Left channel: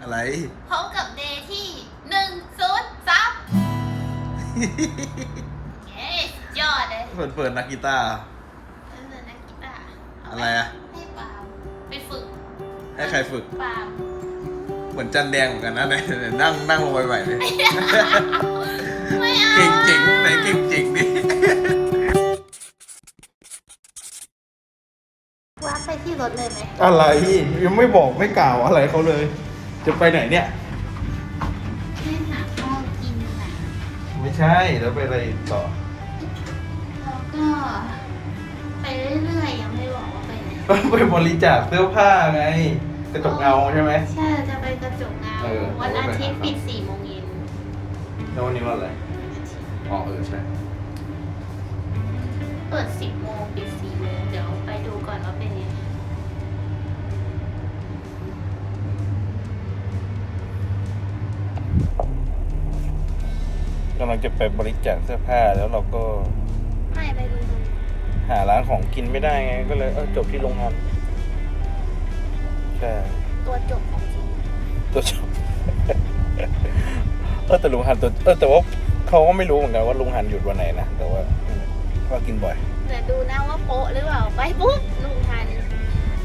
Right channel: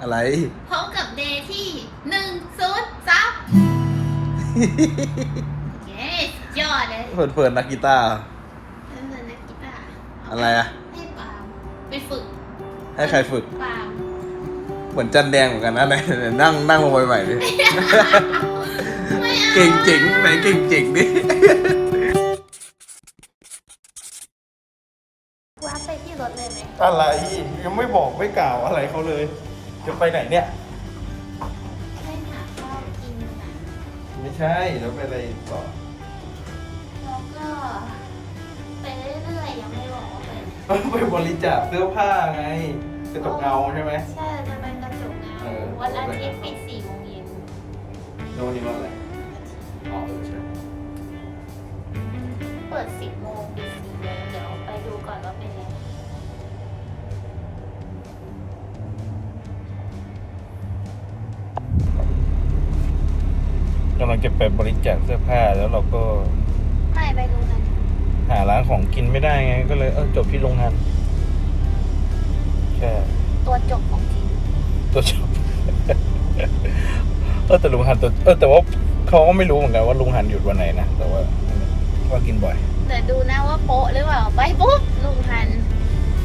อะไรพบกับเดย์ที่หนึ่งศูนย์สามเย้สุดยอดเลยเพลินๆนักกีตาร์ เล่นนักกีตาร์อะไรอะ ให้ปาล์มไปฝึกให้ใครฝึก ปาล์มเหมือนจันแดงเหมือนกันนะไหนไหนนั่งนั่งลงไปใหม่ดิไม่เอาเก่งเจ๋งไหนเก่งเจ๋งดิ วางไปที่รถเลยไหมอะไรยังไม่บอกไม่กล่าวอะไรเขาเลย จะไปไหนเนี่ยให้หาข้าวกินหน่อยไม่ใช่แล้วไปอะไรต่อ แล้วก็ ไปเรื่อยๆยังไม่ได้บอกว่าไปไหนก็ไปบริจาคเสื้อผ้าไงไปตกเงาใช่ไหม ใช่จะไปกระจกเงาเออ วันอาทิตย์ปิดสี่โมงเย็นแล้ววันนี้วันอะไร อ๋อเออใช่ เปิดสิบโม งจะไปบริจาคเสื้อผ้าแล้วเราก็ไปไปดูกันหาร้านของกินไม่ได้ไงก็เลยเออจบที่โรงงานใช่ตัวจบของจริงตัวจบ เออแต่ลุงหันตัวเออแต่ว่าเขาก็ไม่รู้เหมือนกันว่าลุงหันหยุดวันไหนนะแต่ว่าก็กินบ่อยเดี๋ยวดูนะว่าโป๊ะหรือเปล่าไปปุ๊บลุงทัน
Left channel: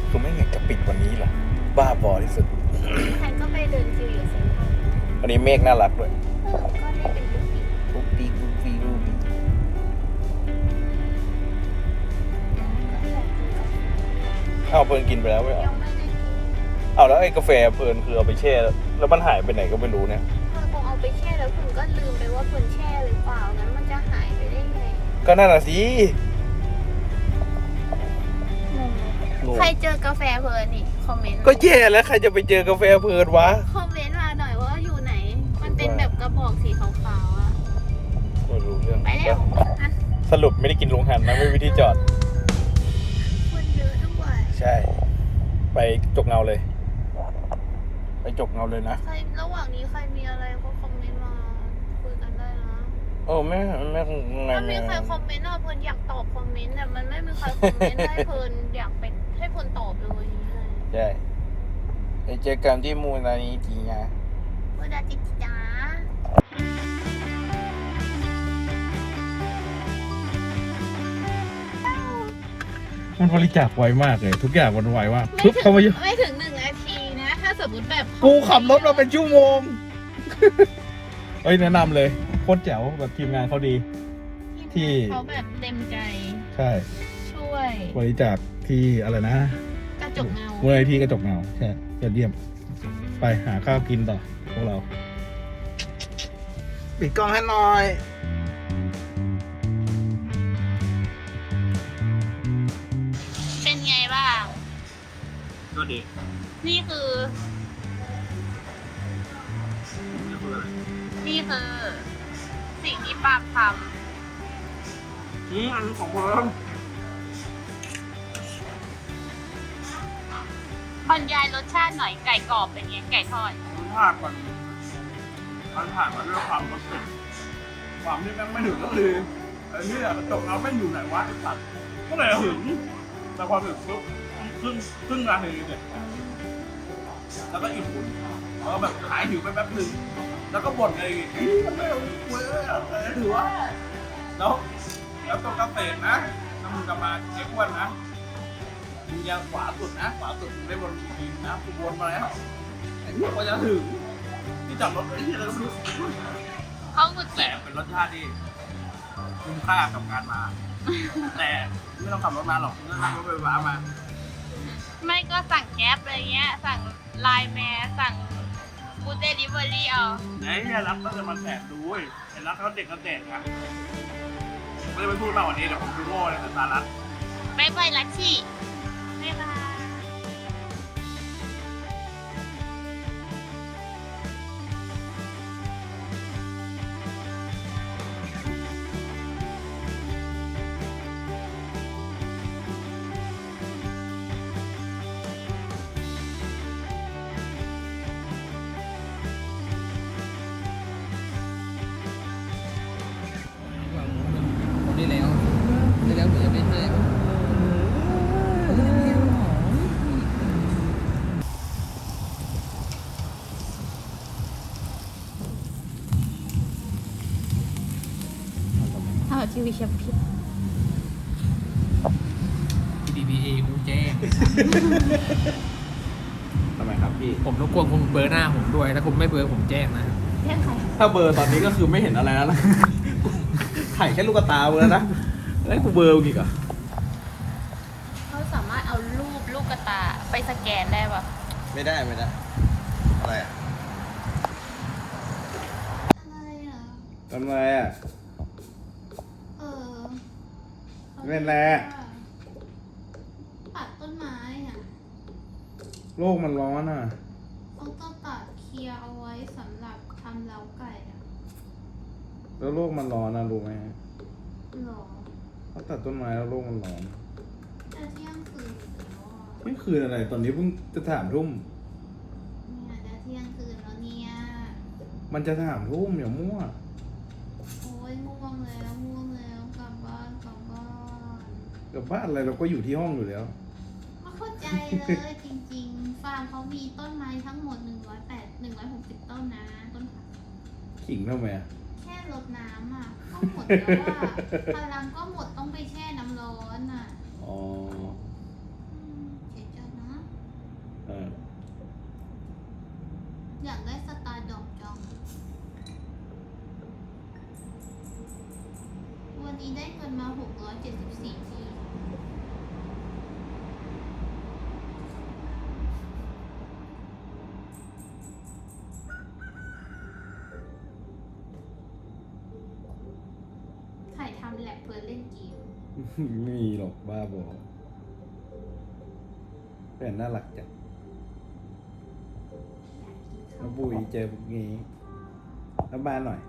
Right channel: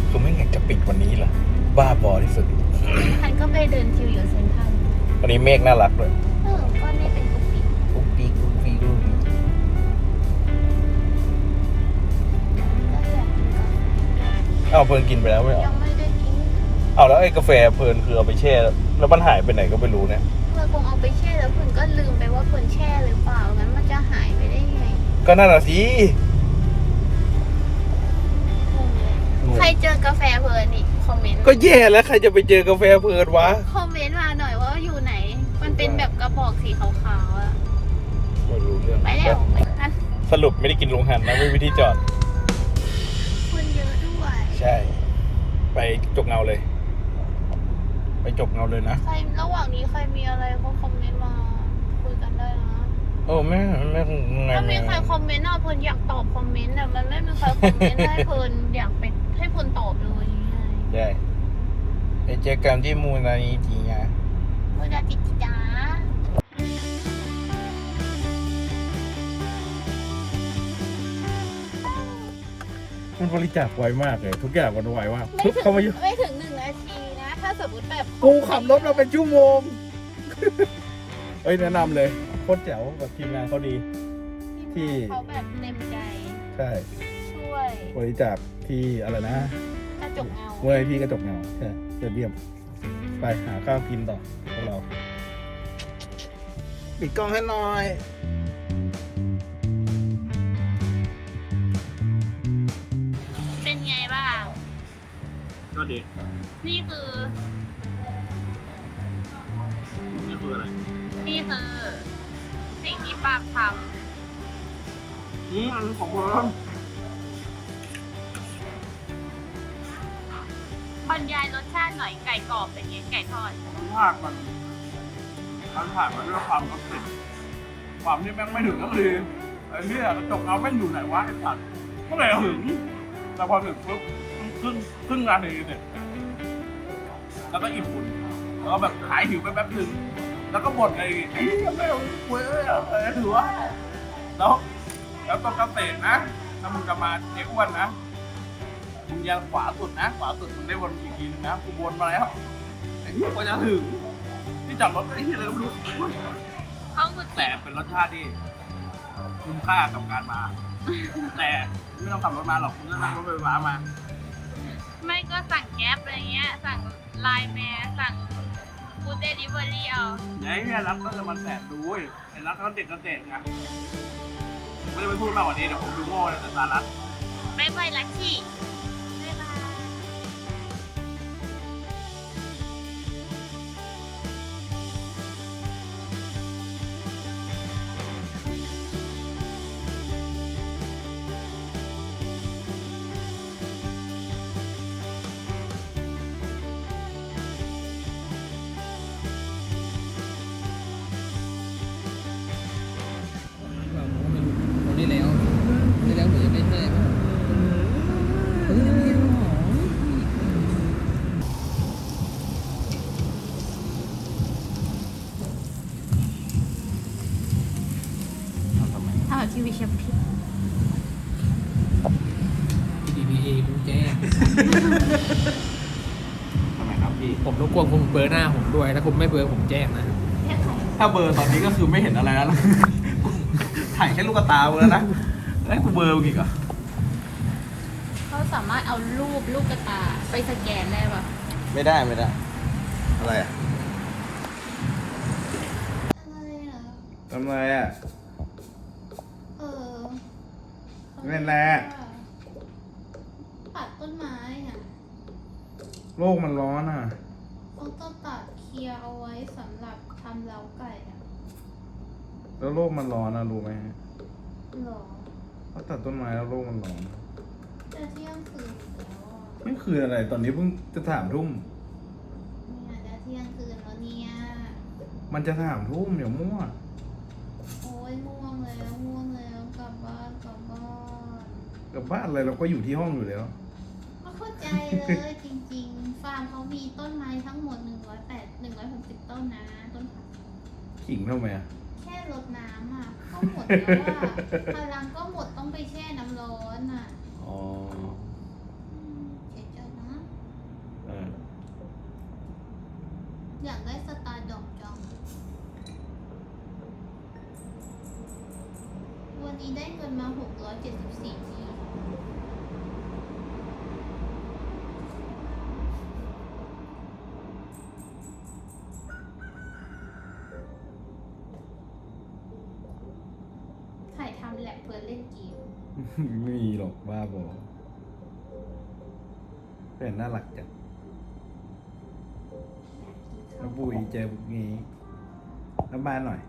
คือไม่อยากจะปิดวันนี้เหรอบ้าบอที่สุดลุงทันก็ไปเดินคิวอยู่เซ็นทรัลวันนี้เมฆน่ารักเลย เออก็ไม่เป็นป กติกุ๊กปีกุ๊กปีกุ๊กปีก็อยากกินกาแฟอ้าวเพลินกินไปแล้วไม่เอางไม่ได้กินเอาแล้วไอ้กาแฟเพลินคือเอาไปแช่ แล้วมันหายไปไหนก็ไม่รู้เนี่ย เพื่อนคงเอาไปแช่แล้วเพื่อนก็ลืมไปว่าเพื่อนแช่หรือเปล่างั้นมันจะหายไปได้ไงก็นั่นน่ะสิงงเลยใครเจอกาแฟเพลินนี่คอมเมนต์ก็แย่แล้วใครจะไปเจอกาแฟเพลินวะ คอมเมนต์มาหน่อยว่าอยู่ไหน มันเป็นแบบกระบอกสีขาวๆอะ ไม่รู้เรื่องไปเร็วทันสรุปไม่ได้กินลุงหันนะไม่มีที่จอด คนเยอะด้วยใช่ ไปจกเงาเลย ไปจกเงาเลยนะ ใครระหว่างนี้ใครมีอะไรก็คอมเมนต์มาคุยกันได้นะโอ้ไม่ไม่คงไงถ้ามีใครคอมเมนต์อะเพลินอยากตอบคอมเมนต์แต่มันไม่มีใครคอมเมนต์ให้เพลินอยากเป็นให้เพลินตอบเลยไงใช่ไปเจอกันที่มูลนิธิไงเวลาจิตจ้า มันบริจาคไวมากเลย ทุกอย่างมันไวมากทุกเข้ามาเยอะไม่ถึงหนึ่งนาทีนะ ถ้าสมมติแบบกูขับรถมาเป็นชั่วโมงเฮ้ยแนะนำเลยโคตรแจ๋วแบบทีมงานเขาดี ที่ เขาแบบเต็มใจ ใช่ ช่วยบริจาคที่อะไรนะกระจกเงามูลนิธิกระจกเงาใช่ยอดเยี่ยม ไปหาข้าวกินต่อพวกเรา ปิดกล้องให้หน่อย ก็ดีนี่คือนี่คืออะไรนี่คือสิ่งที่ปาล์มทอืมอันของผมำบรรยายรสชาติหน่อยไก่กรอบเป็นไงไก่ทอดรสชาติมันมันผ่านมาด้วยความรสติดความที่แม่งไม่ถึงก็คือไอ้เนี่ยกระจกเอาแม่งอยู่ไหนวะไอ้สัตว์ก็เลยหึงแต่พอถึงปุ๊บ ครึ่งครึ่งนาทีเนี่ยแล้วก็อิ่มบุญแล้วก็แบบหายหิวไปแป๊บนึงแล้วก็บ่นไอ้ไอ้ยังไม่เอาคุยเลยอะไรถือว่าแล้วแล้วตรงเกษตรนะถ้ามึงจะมาเจ๊อ้วนนะมึงยังขวาสุดนะ ขวาสุดมึงได้วนอีกทีนึงนะกูวนมาแล้วไอ้เหี้ยกว่าจะถึงที่จอดรถไอ้เหี้ยอะไรก็ไม่รู้เขาคือแต่เป็นรสชาติที่คุ้มค่ากับการมา แต่ไม่ต้องขับรถมาหรอกคุณก็นั่งรถไฟฟ้ามา ไม่ก็สั่งแก๊ปอะไรเงี้ย สั่งไลน์แมนสั่งฟูดเดลิเวอรี่เอาไอ้เหี้ยรักก็จะมาแสบดูเว้ยไอ้รักเขาเด็กก็เด็กนะไม่ได้ไปพูดมากกว่านี้เดี๋ยวผมดูโง่ในสายตารักบายบายลัชชี่ ผมรบกวนคุณเบอร์หน้าผมด้วยถ้าคุณไม่เบอร์ผมแจ้งนะเนี่ยใครถ้าเบอร์ตอนนี้ก็คือไม่เห็นอะไรแล้วนะถ่ายแค่ลูกตากูแล้วนะแล้วกูเบอร์กูอีกเหรอะเขาสามารถเอารูปลูกกระตาไปสแกนได้ปะไม่ได้ไม่ได้ อะไรอะอะไรอะ ทำไมอะ เออเล่นอะไรอะตัดต้นไม้อะ โลกมันร้อนอะเขาต้องตัด เคลียร์เอาไว้สำหรับทำเล้าไก่อะแล้วโลกมันร้อนนะรู้ไหมหรอ ถ้าตัดต้นไม้แล้วโลกมันร้อน จะเที่ยงคืนแล้วอะนี่คืออะไร ตอนนี้เพิ่งจะถามทุ่ม เนี่ยจะเที่ยงคืนแล้วเนี่ย มันจะถามทุ่มอย่ามั่ว โอ้ยง่วงแล้วง่วงแล้วกลับบ้านกลับบ้านกับบ้านอะไรเราก็อยู่ที่ห้องอยู่แล้ว ไม่เข้าใจเลย จริงๆ ฟาร์มเขามีต้นไม้ทั้งหมด 108 160 ต้นนะ ต้นผัก ขิงทำไมอะแค่รดน้ำอะก็หมดแล้วอะพลังก็หมดต้องไปแช่น้ำร้อนอะอ๋ออืมเสียใจนะ เอออยากได้สไตล์ดอกจอง วันนี้ได้เงินมา 674ที ถ่ายทำแลบเพื่อเล่นเกมไม่มีหรอกบ้าบอเป็นน่ารักจังอยากกินน้ข้าอวงปุยเจอพวกนี้น้ำบ้านหน่อย